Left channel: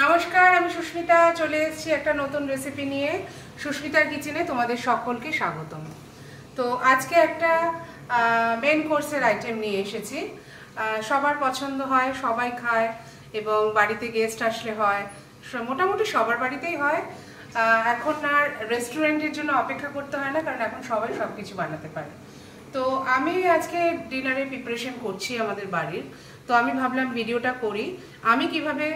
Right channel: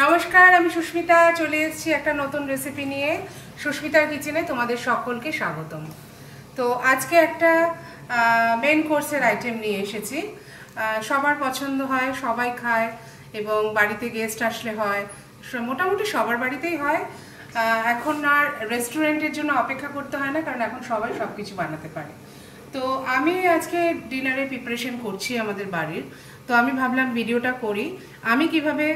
নমস্কার, আমি সুস্মিতা চলে এসেছি একটা নতুন রেসিপি নিয়ে। সুস্মিতার কিচেনে তোমাদের সকলকে স্বাগতম। তো আজকে একটা মেন কোর্সের আইটেম নিয়ে এসেছি। সবার পছন্দ হয়, সবাই খায় এবং বাড়িতে গেস্ট আসলে হয়, মোটামুটি সবার বাড়িতেই হয়। এখন আর রেস্টুরেন্টের জন্য অপেক্ষা করতে হয় না, কারণ এখন সবাই সব কিছু বানাতে পারে। তো আমি আজকে ডিনারের প্রিপারেশন করছি আমাদের বাড়ির। তো আমি ভাবলাম ভিডিওটা করি, আমি কিভাবে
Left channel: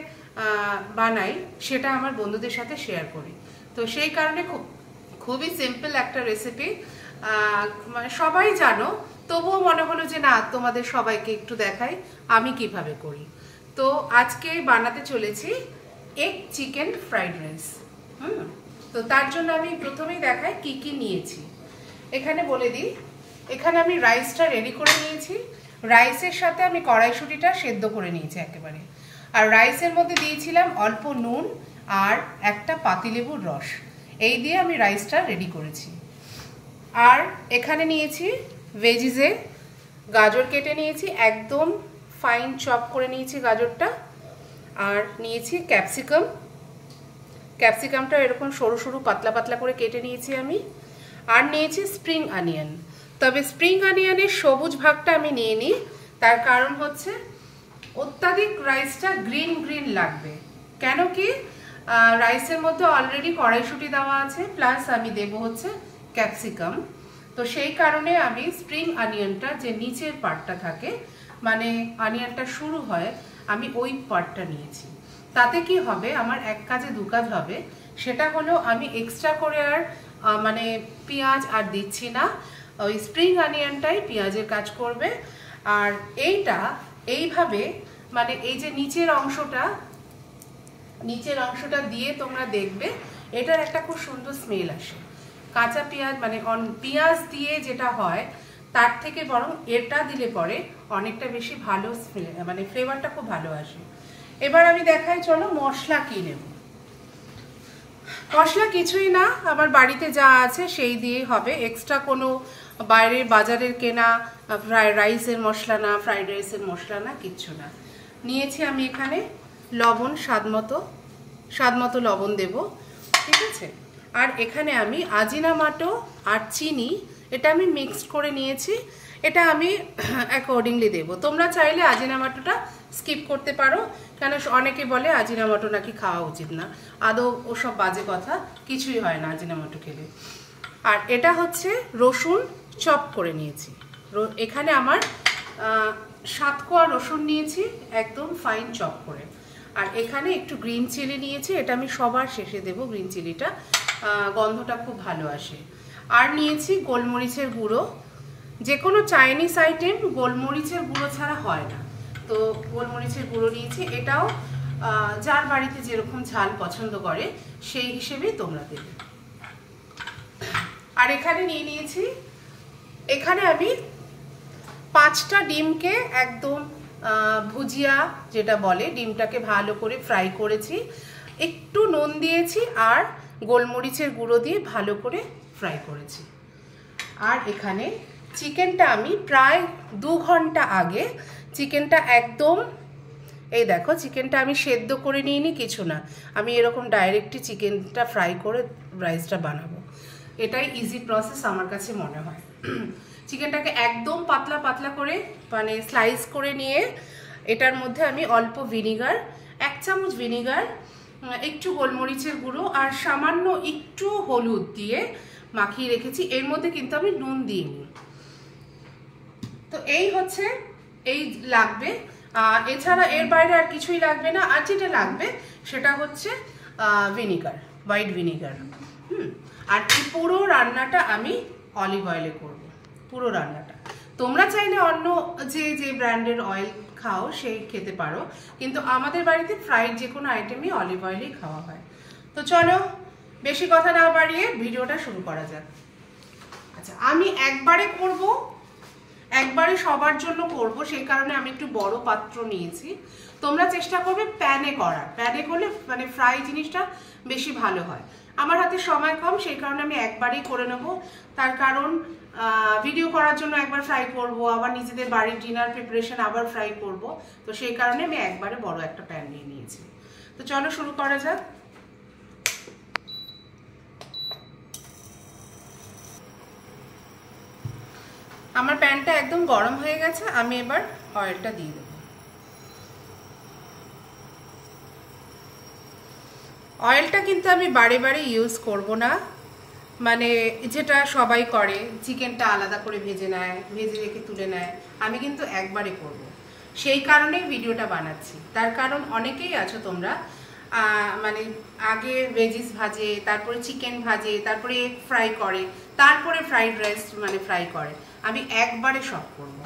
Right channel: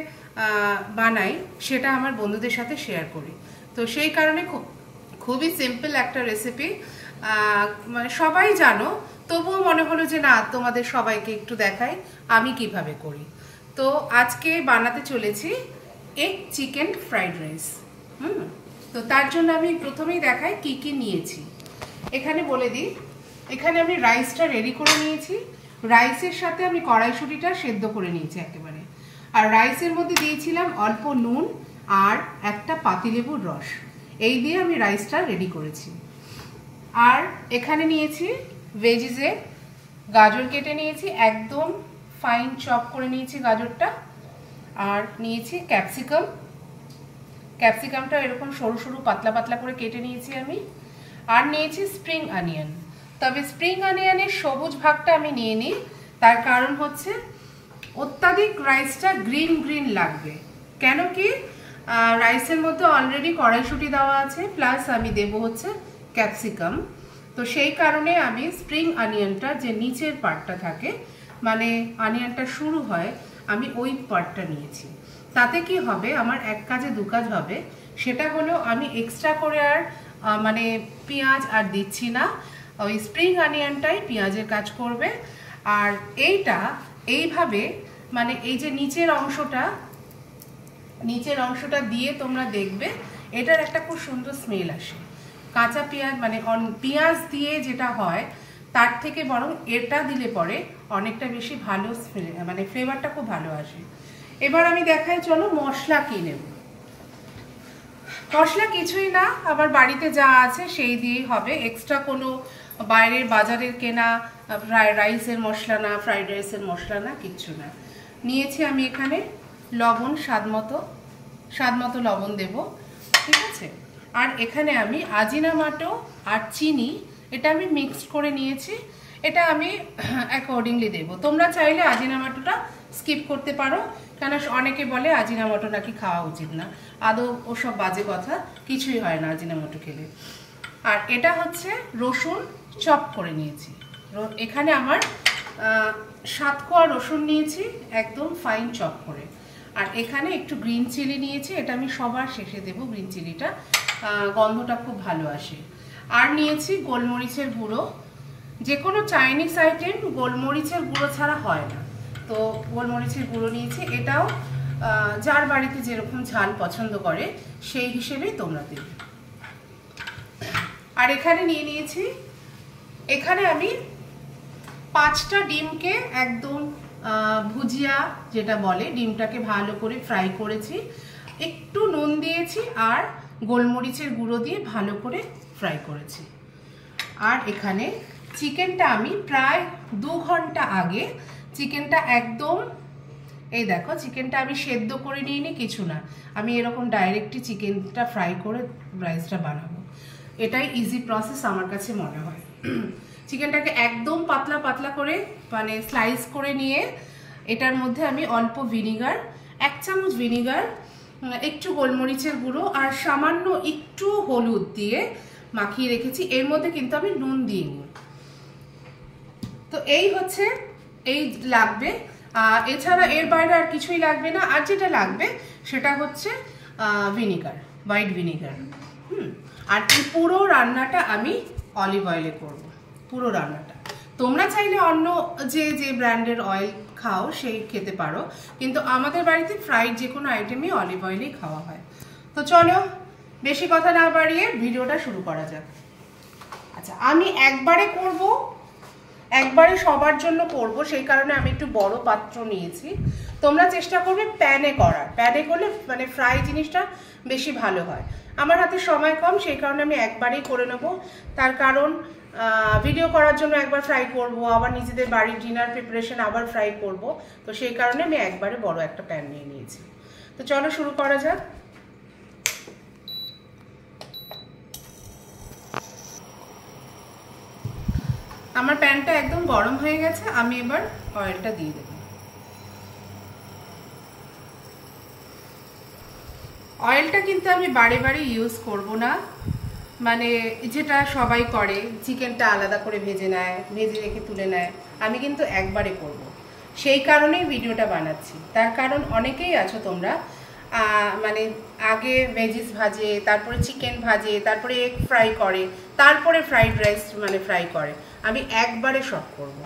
বানাই সেটা আমার বন্ধুদের সাথে শেয়ার করি। তো সেই কারণে খুবই সিম্পল একটা রেসিপি, মানে সবাই জানো, তবুও মনে হলো যে না, তোমাদের সবাইকে একটু দেখাই আমি কিভাবে করি। তো আজকে বানাতে চলেছি এগ চিকেন ফ্রাইড রাইস। তো তার জন্য আমি প্রথমেই দেখাই কি কি নিয়েছি। এখানে বলে দিই, এখানে আমি রাইসটা রেডি করে নিয়েছি। রাইসের সাথে আমি কড়াইশুঁটিটা সেদ্ধ করে নিয়েছি একেবারে। আর রাইসের মধ্যে দিয়েছিলাম অল্প নুন আর একটা পাতিলেবুর রস। এই দিয়ে আমি রাইসটা রেডি করেছি। আর এখানে নিয়েছি ভেজিসে গাজর কেটে নিয়েছি, একদম ফাইন চপ করে নিয়েছি গাজরটা। আর নিয়েছি ক্যাপসিকামটা এরকম সরু সরু পাতলা পাতলা করে কেটে নিয়েছি আমি। আর নিয়েছি স্প্রিং অনিয়ন। তবে স্প্রিং অনিয়নের সবুজ ভাগটা আমি নিয়ে নিই, তার কারণ হচ্ছে অত্যাধিক রাইসটা গ্রিন গ্রিন লাগবে। কেন কি, রাইসের মধ্যে অলরেডি কড়াইশুঁটি দেওয়া আছে, প্লাস আমি দেব হচ্ছে ক্যাপসিকাম। তো সেই কারণে আমি স্প্রিং অনিয়নটা যে নিচের পার্টটা থাকে, মানে অনিয়নটা শুরু হয়, আমি ওই পার্টটা নিয়েছি। তাতে কি হবে, আমার এক কাজে দু কাজ হবে। সেটা হলো আমি এক্সট্রা করে আর মানে পেঁয়াজ আর দিচ্ছি না, ওই স্প্রিং অনিয়নটাই পেঁয়াজের কাজ করবে। আর এইটা এইভাবে, মানে এই যে নিচের অংশটা দিয়ে তোমরা দেখবে এটার একটা খুব সুন্দর স্মেল আসে। কাঁচা পেঁয়াজ মানে পেঁয়াজ দিয়ে যেটা হয় তার থেকে বরং এটা দিলে পরে অনেকটা বেশি ভালো মানে ফ্লেভারটা খুব ভালো আসে। এবার আমি দেখাই, চলো মশলা কি নেব। মশলা কিছুই না, আমার বাড়িতে যা আছে সেই দিয়েই হবে। এক্সট্রা কোনো বাইরের বাজারের কেনা রাইসের মশলা না, ফ্রাইড রাইসের মশলা না, কিচ্ছু না। নিয়েছি আমি এখানে লবণ, স্বাদ মতো লবণ দেব, ঠিক আছে। আর এখানে আমি আজিনামাটো আর চিনি, এটা আমি মিক্সড করে নিয়েছি। এটা আমি অ্যাকর্ডিংলি দেব। তোমরা চাইলে আজিনামাটোটা স্কিপ করতে পারো, কেন অনেকে বলে আজিনামাটো নাকি খাওয়া উচিত না। আদৌ ওসব বাজে কথা, কিছুই হয় না আজিনামাটো খেলে। আর এটা হচ্ছে রসুন চপ করে নিয়েছি। এখানে আমার 7 কোয়া রসুন নিয়েছি, একদম ফাইন চপ করে। আর এখানে একটু গ্রিন চিলি নিয়েছি, এটা আমি সবার শেষে দেব। গ্রিন চিলিটা গন্ধটা খুব ভালো আসে। আর নিয়েছি গোলমরিচের গুঁড়ো। যে কোনো চাইনিজ আইটেম গোলমরিচের গুঁড়ো ছাড়া হয় না, তো গোলমরিচের গুঁড়ো নিয়েছি। এটাও যার বাড়িতে যেরকম ঝাল পছন্দ করে সেই হিসেবেই তোমরা দেবে। আর এখানে নিয়ে নিয়েছি, এখানে আমি 5টা ডিমকে একদম ভুজিয়া যেটা বলে, ডিমটাকে ভালো করে ফ্রাই করেছি, একটু নুন দিয়েছি আর গোলমরিচের গুঁড়ো দিয়ে ভালো করে ফ্রাই করেছি। আর এখানে চিকেনটা আমি প্রায় 2 ঘন্টা আগে চিকেনটা একদম, এই দেখো চিকেনটা আমি সেদ্ধ করে নিয়ে নি, কিছু না, আমি এরকম ডাইরেক্টই চিকেনটা ফ্রাই করে রাইসটা বানাবো। এটাই ইজি প্রসেস আমার কাছে মনে হয়। চিকেনটাকে একদম পাতলা পাতলা করে মানে স্লাইস করে নিয়ে এটার মধ্যে আমি অল্প ভিনিগার, 1 চামচ ভিনিগার, একটু গোলমরিচের গুঁড়ো আর সামান্য একটু হলুদ দিয়ে মাখিয়ে রেখেছি। এর মধ্যে কিন্তু আমি নুন দিইনি। তো এই হচ্ছে, এই লাগবে। এছাড়া এর বাইরে আর কিছুই লাগবে না। আর যেটা লাগবে সেটা হচ্ছে ভিনিগার, হোয়াইট ভিনিগার। আর এই পুরো রান্নাটা আমি অলিভ অয়েলে করব, পুরো রান্নাটা। তোমরা চাইলে অন্য যে ব্র্যান্ডের অয়েল খাও সেই খেতে পারো, কিন্তু আমাদের বাড়িতে ফ্রাইড যে কোনো আইটেমই অলিভ অয়েলেই খাওয়া হয়। তো চলো বেশি কথা না বাড়িয়ে ভিডিওটা শুরু করা যাক। আচ্ছা, আমি একবারে সবার জন্য করব, সেই কারণে আমি একটু বড় পাত্র নিয়েছি। তোমরা চেষ্টা করবে প্যানে করার, প্যানে করলে মানে ফ্রাই জিনিসটা বেশি ভালো হয়। আমার হাতে সময় কম, সেই কারণে আমি একবারেই করে নেব। তার কারণ ভিডিও করার জন্য একবার ফ্রাই করব, আবার নিজেদের বাড়ির ডিনার প্রিপারেশন আবার ফ্রাই করব, তো সেই কারণে আমি একবারে বড় একটা প্যান নিয়ে নিয়েছি। তো চলো শুরু করা যাক। আমার প্যানটা একদম গরম হয়ে গেছে, আমি এবার অয়েলটা দিয়ে দেব। অয়েলটা কিন্তু আমি বারে বারে ইউজ করব না, মানে যেটা সবাই করে চিকেনটা আলাদা করে ভেজে নেয়, ভেজে রেখে তুলে নেয়, আমি কিন্তু একবারে করব। সেই কারণেই ভিডিওটা বানাচ্ছি। তার কারণ অনেকেই আছো তোমরা মানে আগে ভেজিস ভাজে, তারপরে চিকেন ভাজে, তারপরে এগ ফ্রাই করে, তারপরে ফ্রাইড রাইস মানে ফ্রাই করে। আমি একবারে সব করব।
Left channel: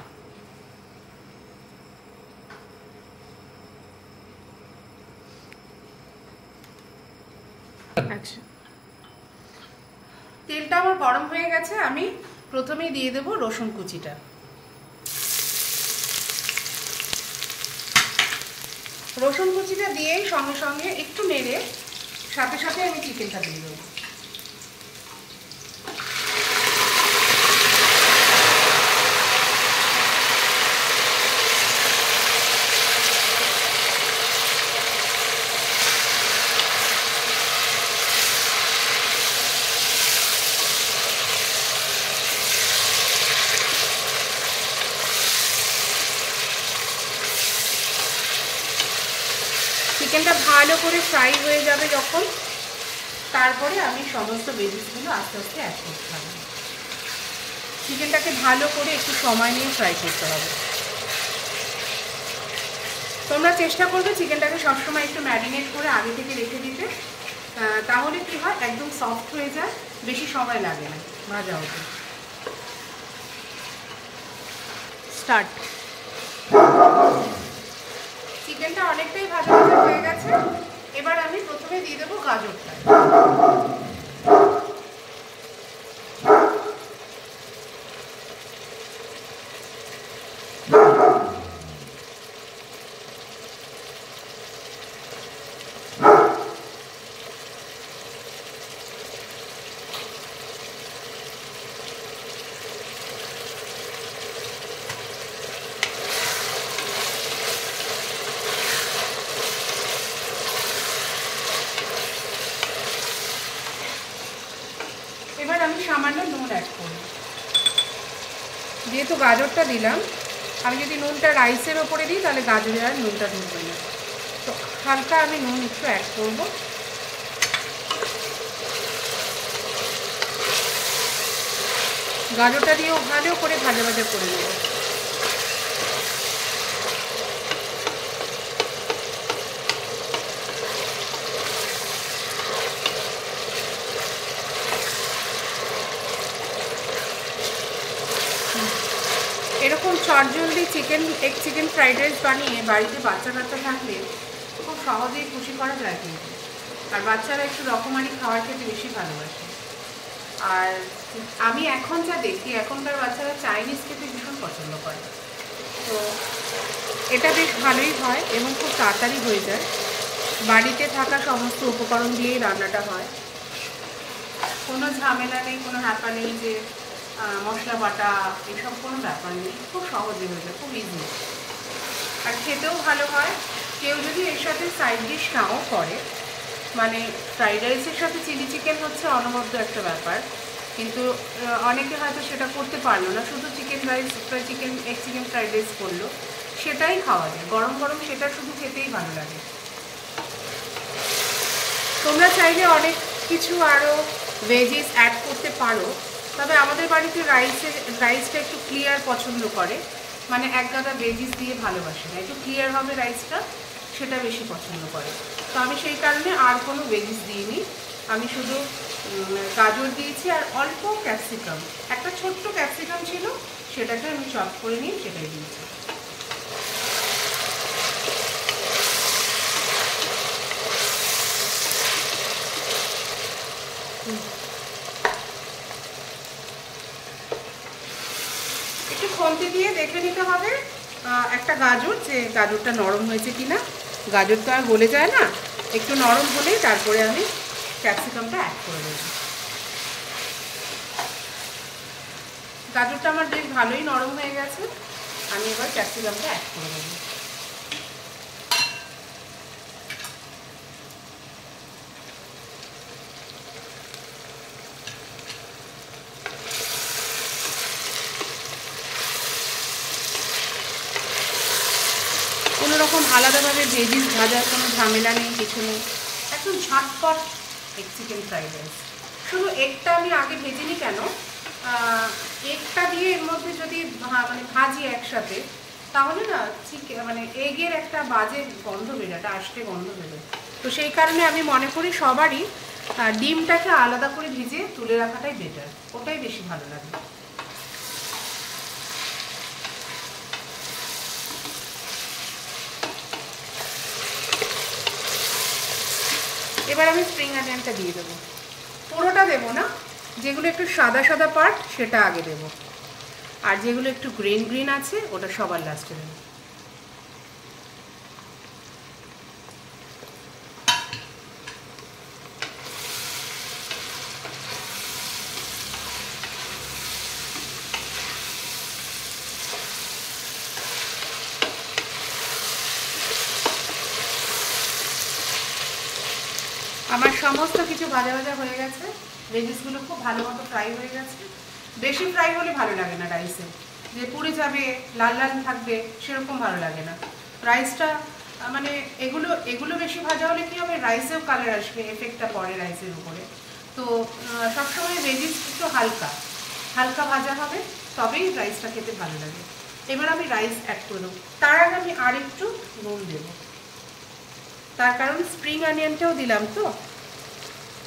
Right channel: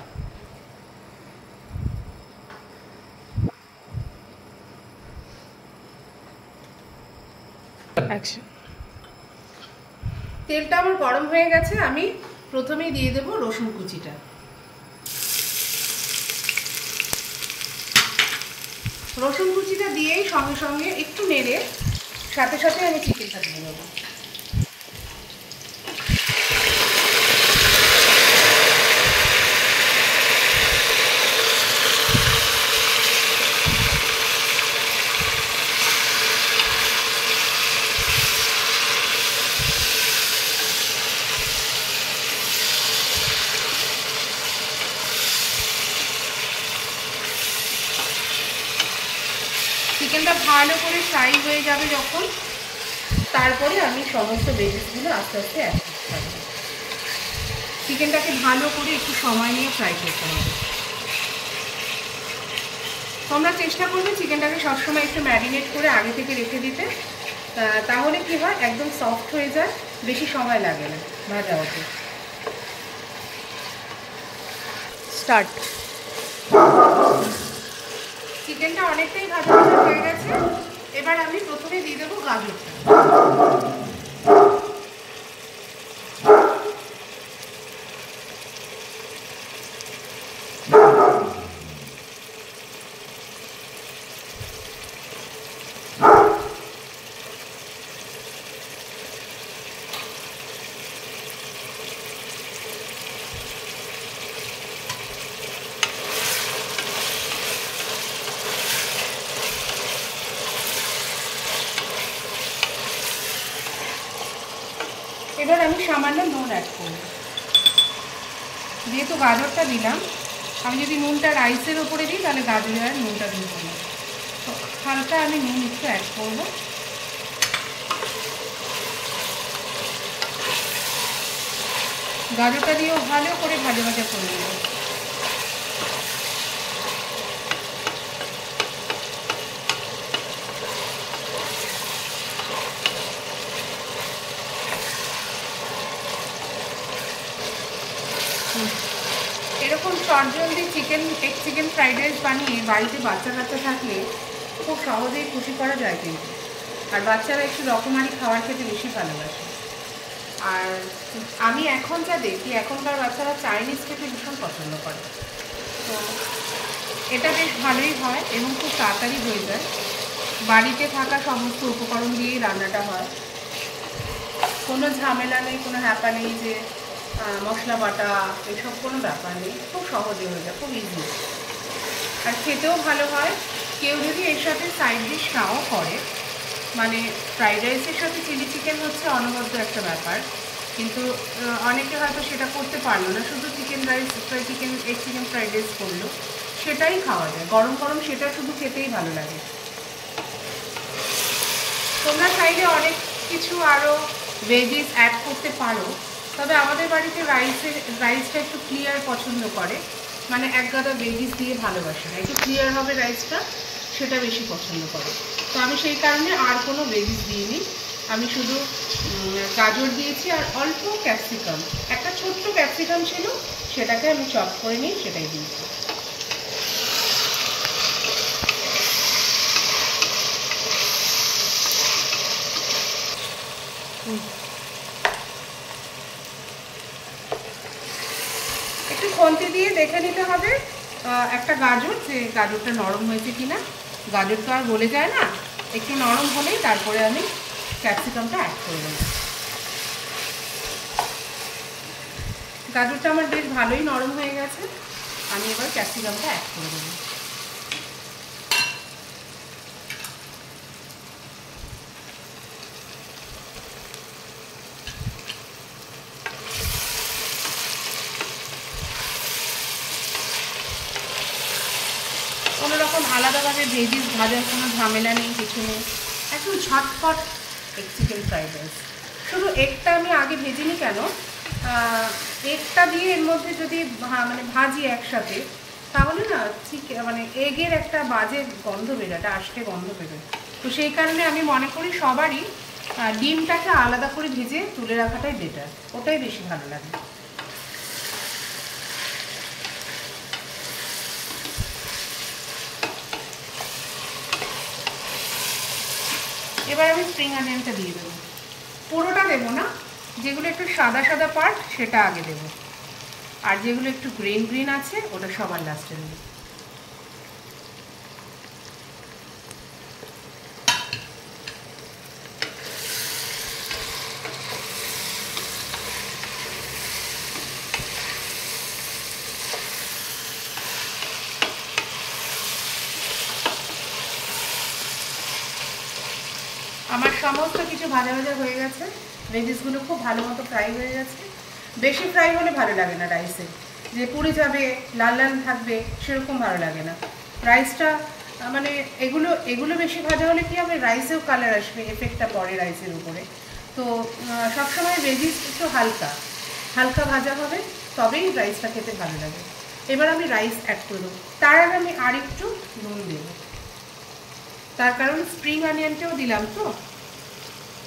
তেলটা আমার গরম হয়ে গেছে, আমি প্রথমেই দিয়ে দেব রসুন কুচিটা। রসুন কুচিটা দিয়েই সঙ্গে সঙ্গে একটু নেড়ে সাথে সাথে আমি চিকেনটা দিয়ে দেবো। চিকেনটা ভালো করে ফ্রাই হয়ে যাবে যখন, তারপরে আমি সমস্ত ভেজিসগুলো আস্তে আস্তে অ্যাড করতে পারবো। চিকেনটাকে ভালো করে একটু সময় নিয়ে ফ্রাই করতে হবে। তোমরা চেষ্টা করবে চিকেনটাকে সবসময় একটু ম্যারিনেট করে আগে থেকে রেখে দিতে, তাহলে কি হয় একদম সফট হয়ে যায়, বেশি সময় লাগে না ভাজা হতে। স্টার্ট। চিকেনটা অনেকটাই ভাজা ভাজা হয়ে গেছে, এবার আমি প্রথমে দিয়ে দেবো গাজরটা। এবার আমি সামান্য নুন অ্যাড করব। যেহেতু গাজরটা দিলাম, আমি যদি নুনটা রাইসের ওপরে দিই তাহলে গাজরে আর নুনটা ঢুকবে না, তো হালকা আমি নুন একটু অ্যাড করব। গাজরটা দিয়েও ভালো করে ভাজা ভাজা করে নেব। এরকম চটজলদি এগ চিকেন ফ্রাইড রাইস বানিয়ে বাড়িতে বাচ্চা কাচ্চা থাকলে খুব সহজেই খুশি করা যায় কিন্তু। আর বাচ্চারা একটু রকমারি খাবার খেতে বেশি ভালোবাসে। আর আমি এখন যা দেখি এখনকার বাচ্চারা চাইনিজ খেতে ভীষণ পছন্দ করে, তো এটা বেশ ভালোই হয় এবং খুব তাড়াতাড়ি হয়ে যায়। বাড়িতে থাকা সমস্ত উপকরণ দিয়েই রান্নাটা হয়, কোনো ঝামেলা নেই, কোনো হ্যাপা নেই যে মশলা বাটা, এসব কোনো ব্যাপার নেই, খুব সহজে হয়ে যায়, খুব ইজি। আর খেতেও ভালো হয়। কেউ যদি এর সাথে সাইড ডিশ নাও করে, মানে ফ্রাইড রাইসের সাথে চিলি চিকেন হচ্ছে অনবদ্য একটা ব্যাপার, কিন্তু অনেকে হয়তো সেটা করতে পারলো না, শুধু chicken rice egg chicken fried rice করলো, সেটাই খাওয়া যায় গরম গরম, সেটা শুধু খেতেই ভালো লাগে। তোমরা চাইলে অনেক কিছু আরও ভেজিস অ্যাড করতে পারো, তবে আমাদের বাড়িতে রাইসটা একটু ক্লিয়ার পছন্দ করে, মানে এক গাদা ভেজিস দিয়ে ভালোবাসে না, একটু ক্লিয়ার হবে রাইসটা, সেটা বেশি পছন্দ করে। তো আমি সেই কারণে আর কোনো ভেজিস দিইনি, আমি শুধু গাজর দিয়েছি আর অল্প ক্যাপসিকাম, একটা ছোট্ট ক্যাপসিকাম ছিল, সেটাকে আমি চপ করে নিয়ে সেটাই দিয়েছি। একটু খন্তি দিয়ে দেখে নিতে হবে একটা গাজর, যে গাজরটা নরম হয়েছে কিনা। গাজর তো আর গলে যায় না, একটু নরম হলেই তারপরে আমি ক্যাপসিকামটা অ্যাড করে দেব। গাজরটা আমার বেশ ভালোই নরম হয়ে গেছে, আমি এবার ক্যাপসিকামটা অ্যাড করে দেব। ভেজিস ভাজার কোনো ঝামেলা নেই, কিছু নেই, একটু ঝটপট এগ চিকেন ফ্রাইড রাইস। শুধু এগটা আমি আগে ভেজিনি কেন, এগটা দিয়ে এর মধ্যে যদি মানে ভাজি একসাথে, তাহলে না মানে এগের একটা বাজে গন্ধ বেরোয়, একটা আষ্টে গন্ধ বেরোয়। তো সেই কারণে আমি মনে করি সবারই ডিমটাকে আলাদা করে ভেজে তুলে রাখাটাই বেটার, ওটাই বেশি ভালো লাগে। এবার আমি স্প্রিং অনিয়নটা দিয়ে দেবো, পুরোটা দেবো না, যেগুলো একটু সাদা সাদা পার্ট সেটা আগে দেবো, আর যেগুলো একটু গ্রিন গ্রিন আছে ওটা সবার লাস্টে দেবো। আমার সমস্ত কিছু ভাজা ভাজা হয়ে গেছে, ভেজিসগুলো খুব ভালো মতো ফ্রাই হয়ে গেছে। বেশি ফ্রাই হলে ভালো লাগে না রাইসে, যে পুড়ে যাবে লাল লাল থাকবে সেরকম ভালো লাগে না রাইসটা। মানে এগুলো বেশি ভাজা হলে কি হবে, রাইসেও কালার আসবে, এফেক্টটা পড়ে রাইসের উপরে। তো সবসময় ভেজিস একটু হালকা হালকা ভাজা হবে, তবেই রাইসটা খেতে ভালো লাগে। এবার আমি রাইস অ্যাড করে দেবো, তার আগে আমি আর একটু নুন দেবো, তার কারণ স্প্রিং অনিয়নটাও দিলাম তো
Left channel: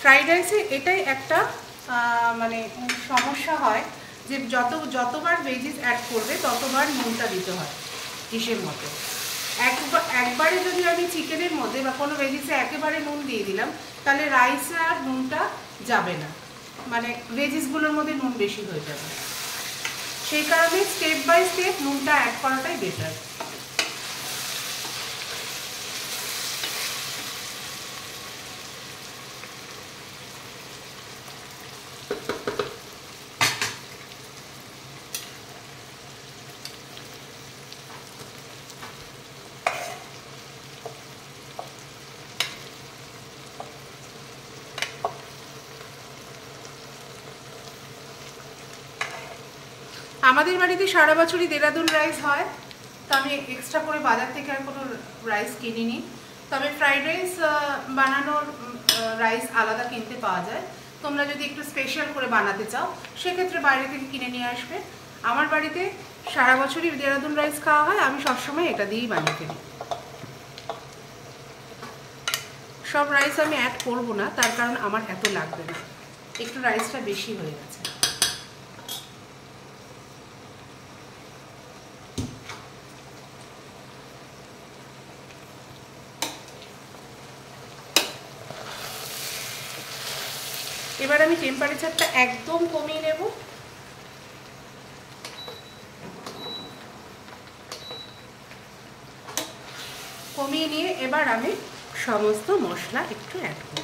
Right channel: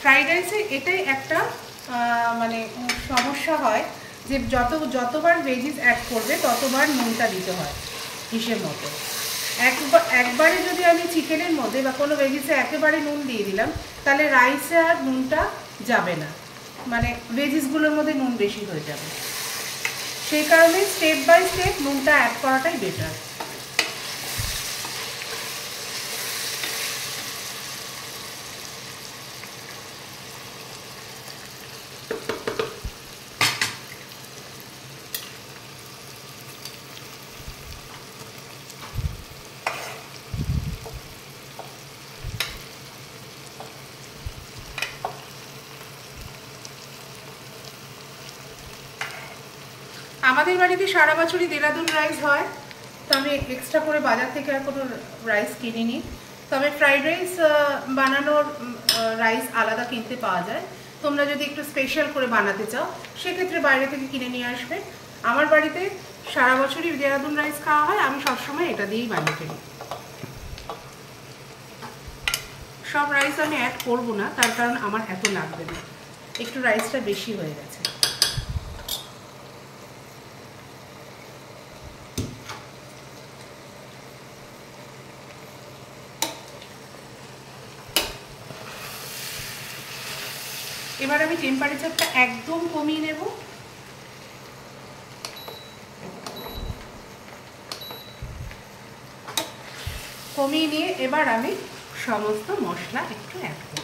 ফ্রাইড রাইসে। এটাই একটা মানে সমস্যা হয় যে যতবার ভেজিস অ্যাড করবে ততবার নুনটা দিতে হয় হিসেব মতো। একবারে যদি আমি চিকেনের মধ্যে বা কোনো ভেজিসে একেবারে নুন দিয়ে দিলাম, তাহলে রাইসে আর নুনটা যাবে না, মানে ভেজিসগুলোর মধ্যে নুন বেশি হয়ে যাবে। সেই কারণে স্টেপ বাই স্টেপ নুনটা অ্যাড করাটাই বেটার। আমাদের বাড়িতে সারা বছরই দেরাদুন রাইস হয়, তো আমি এক্সট্রা করে বাজার থেকে আর কোনো রাইস কিনিনি। তবে ফ্রাইড রাইস বানানোর রাইস আলাদা কিনতে পাওয়া যায়, তোমরা যদি একটু স্পেশাল করে বানাতে চাও সেক্ষেত্রে বাইরে থেকে কিনে নিয়ে আসবে। আমার বাড়িতে সারা বছরই দেরাদুন রাইস খাওয়া হয়, আমি সবসময় এটা দিয়েই বানিয়ে ফেলি। সব রাইস আমি অ্যাড করবো না, তার কারণ আমার এত লাগবে না, একটু রাইসটা বেশি হয়ে গেছে। এবার আমি টেম্পারেচারটা একদম কমিয়ে নেব, কমিয়ে নিয়ে এবার আমি সমস্ত মশলা একটু অ্যাড করব।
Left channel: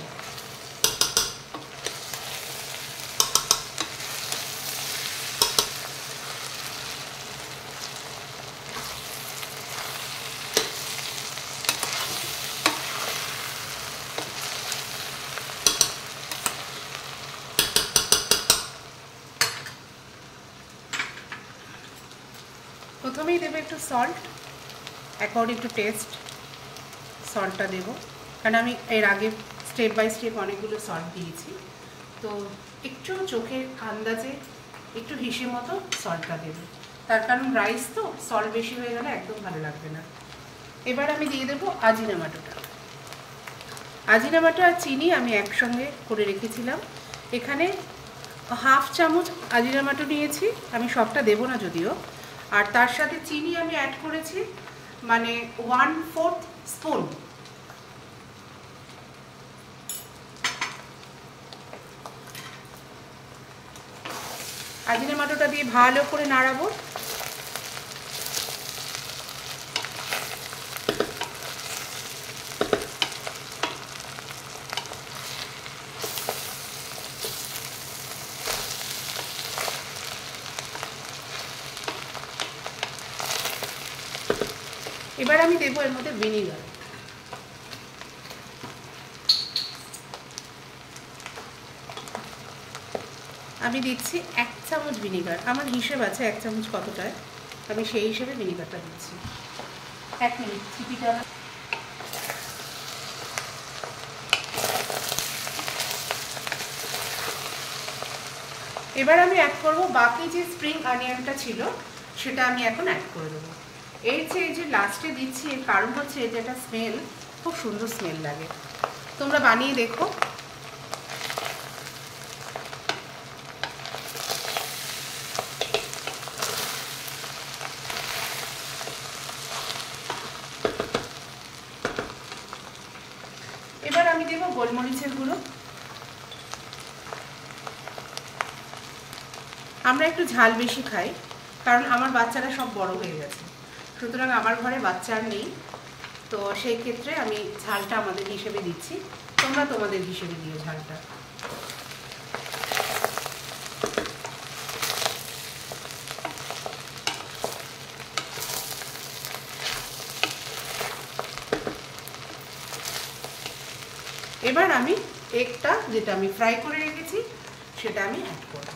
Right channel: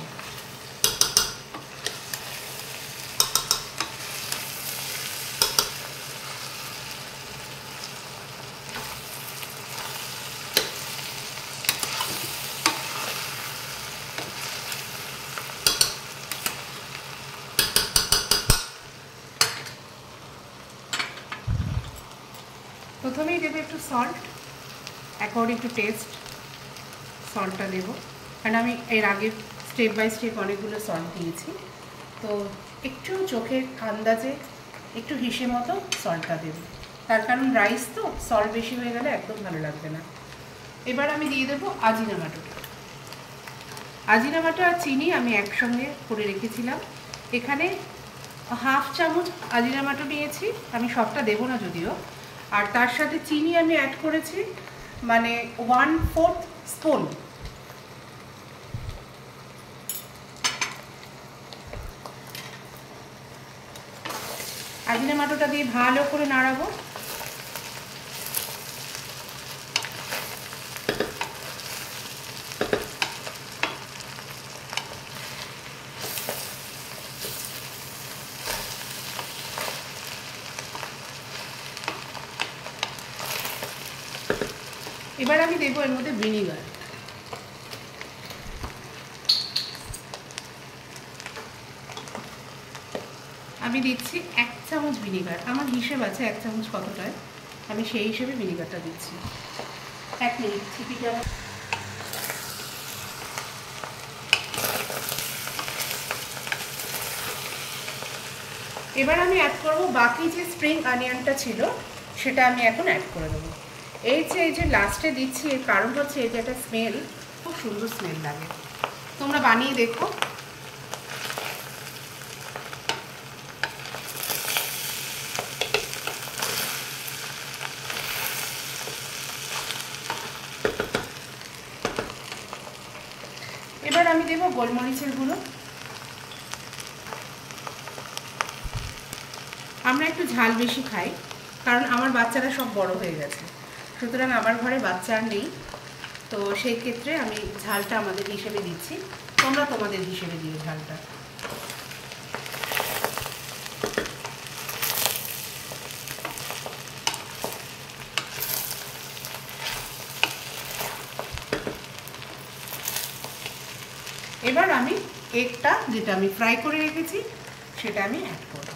প্রথমেই দেবো একটু সল্ট, অ্যাকর্ডিং টু টেস্ট সল্টটা দেবো, কারণ আমি এর আগে স্টেপ বাই স্টেপ অনেকগুলো সল্ট দিয়েছি, তো একটু চোখের আন্দাজে একটু হিসেব মতো সল্টটা দেবো, তার কারণ রাইস তো সল্ট বেশি হয়ে গেলে একদম ভালো লাগবে না। এবার আমি দিয়ে দেবো আজিনামাটো। আজিনামাটো আর চিনি আমি একসঙ্গে করে রেখেছিলাম, এখানে হাফ চামচ আজিনামাটো নিয়েছি, আমি সবটা দেবো না যদিও, আর তার সাথে চিনি আমি অ্যাড করেছি মানে 1/4 স্পুন। আজিনামাটোটা দিয়ে ভালো করে নাড়াবো। এবার আমি দেবো এর মধ্যে ভিনিগার। আমি দিচ্ছি 1 চামচ ভিনিগার, আমার হিসেব আছে 1 চামচ কতটায়, আমি সেই হিসেবে ভিনিগারটা দিচ্ছি। 1 মিনিট এবার আমি অ্যাড করব বাকি যে স্প্রিং অনিয়নটা ছিল সেটা আমি এখন অ্যাড করে দেবো। এই যে লাস্টে দিচ্ছি এর কারণ হচ্ছে এই যে একটা স্মেল, খুব সুন্দর স্মেল লাগে, তোমরা বানিয়ে দেখো। এবার আমি দেবো গোলমরিচের গুঁড়ো। আমরা একটু ঝাল বেশি খাই কারণ আমার বাচ্চারা সব বড় হয়ে গেছে, সুতরাং আমার ঘরে বাচ্চা আর নেই, তো সেই ক্ষেত্রে আমি ঝালটা আমাদের হিসেবে দিচ্ছি, তোমরা তোমাদের হিসেবে দিও ঝালটা। এবার আমি এগটা যেটা আমি ফ্রাই করে রেখেছি সেটা আমি অ্যাড করব।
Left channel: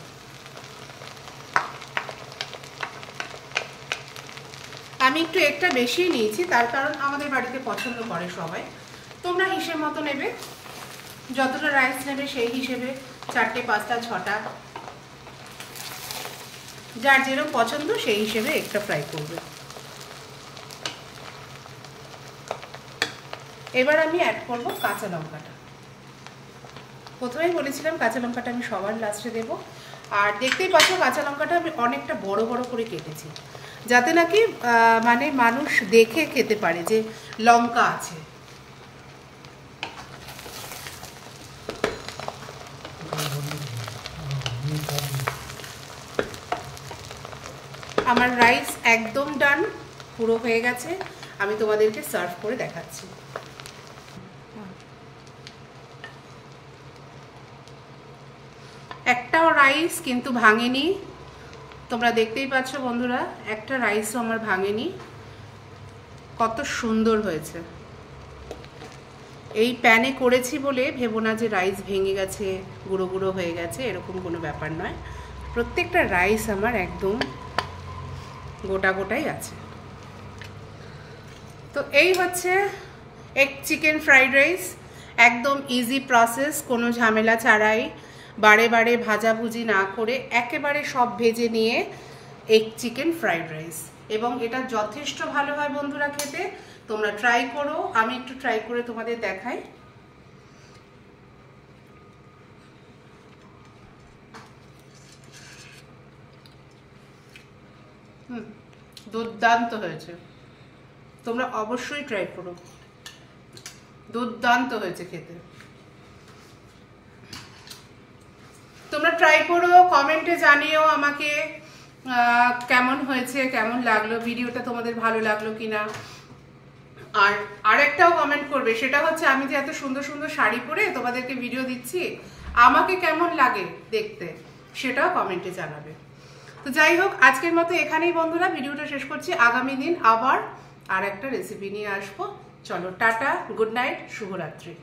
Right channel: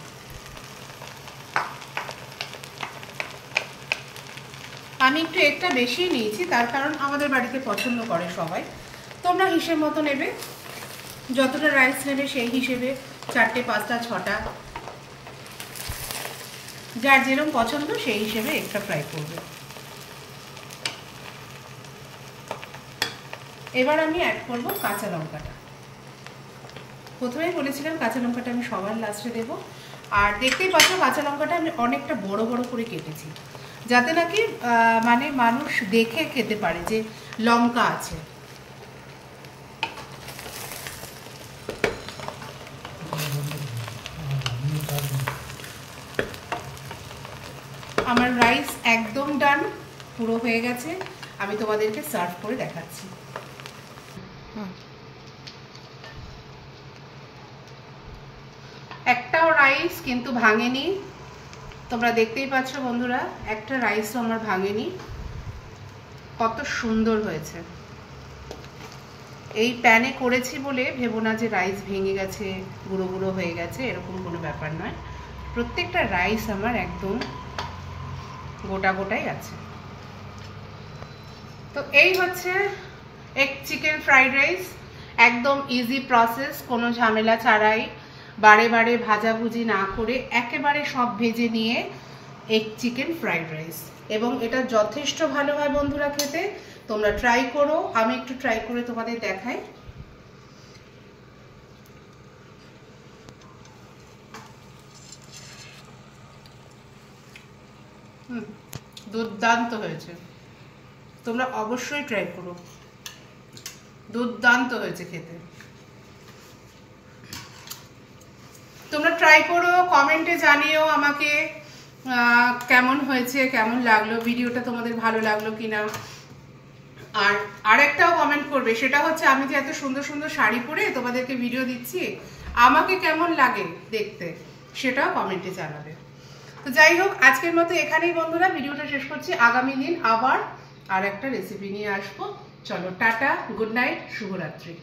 আমি একটু এগটা বেশি নিয়েছি, তার কারণ আমাদের বাড়িতে পছন্দ করে সবাই। তোমরা হিসেব মতো নেবে, যতটা রাইস নেবে সেই হিসেবে 4টে 5টা 6টা, যার যেরকম পছন্দ সেই হিসেবে এগটা ফ্রাই করবে। এবার আমি অ্যাড করব কাঁচা লঙ্কাটা। প্রথমেই বলেছিলাম কাঁচা লঙ্কাটা আমি সবার লাস্টে দেব, আর দেখতেই পাচ্ছ কাঁচা লঙ্কাটা আমি অনেকটা বড় বড় করে কেটেছি, যাতে নাকি মানে মানুষ দেখে খেতে পারে যে লঙ্কা আছে। আমার রাইস একদম ডান, পুরো হয়ে গেছে, আমি তোমাদেরকে সার্ভ করে দেখাচ্ছি। একটাও রাইস কিন্তু ভাঙেনি, তোমরা দেখতেই পাচ্ছ বন্ধুরা, একটা রাইসও আমার ভাঙেনি, কত সুন্দর হয়েছে। এই প্যানে করেছি বলে ভেবো না যে রাইস ভেঙে গেছে, গুঁড়ো গুঁড়ো হয়ে গেছে, এরকম কোনো ব্যাপার নয়, প্রত্যেকটা রাইস আমার একদম গোটা গোটাই আছে। তো এই হচ্ছে এগ চিকেন ফ্রাইড রাইস, একদম ইজি প্রসেস, কোনো ঝামেলা ছাড়াই, বারে বারে ভাজাভুজি না করে একেবারে সব ভেজে নিয়ে এগ চিকেন ফ্রাইড রাইস, এবং এটা যথেষ্ট ভালো হয় বন্ধুরা খেতে, তোমরা ট্রাই করো। আমি একটু ট্রাই করে তোমাদের দেখাই। দুর্দান্ত হয়েছে, তোমরা অবশ্যই ট্রাই করো, দুর্দান্ত হয়েছে খেতে। তোমরা ট্রাই করো, কমেন্টে জানিও আমাকে কেমন হয়েছে, কেমন লাগলো ভিডিওটা, তোমাদের ভালো লাগলো কিনা। আর আরেকটাও কমেন্ট করবে, সেটা হচ্ছে আমি যে এত সুন্দর সুন্দর শাড়ি পরে তোমাদেরকে ভিডিও দিচ্ছি, আমাকে কেমন লাগে দেখতে, সেটাও কমেন্টে জানাবে। তো যাই হোক, আজকের মতো এখানেই বন্ধুরা ভিডিওটা শেষ করছি। আগামী দিন আবার আর একটা রেসিপি নিয়ে আসবো। চলো টাটা, গুড নাইট, শুভরাত্রি।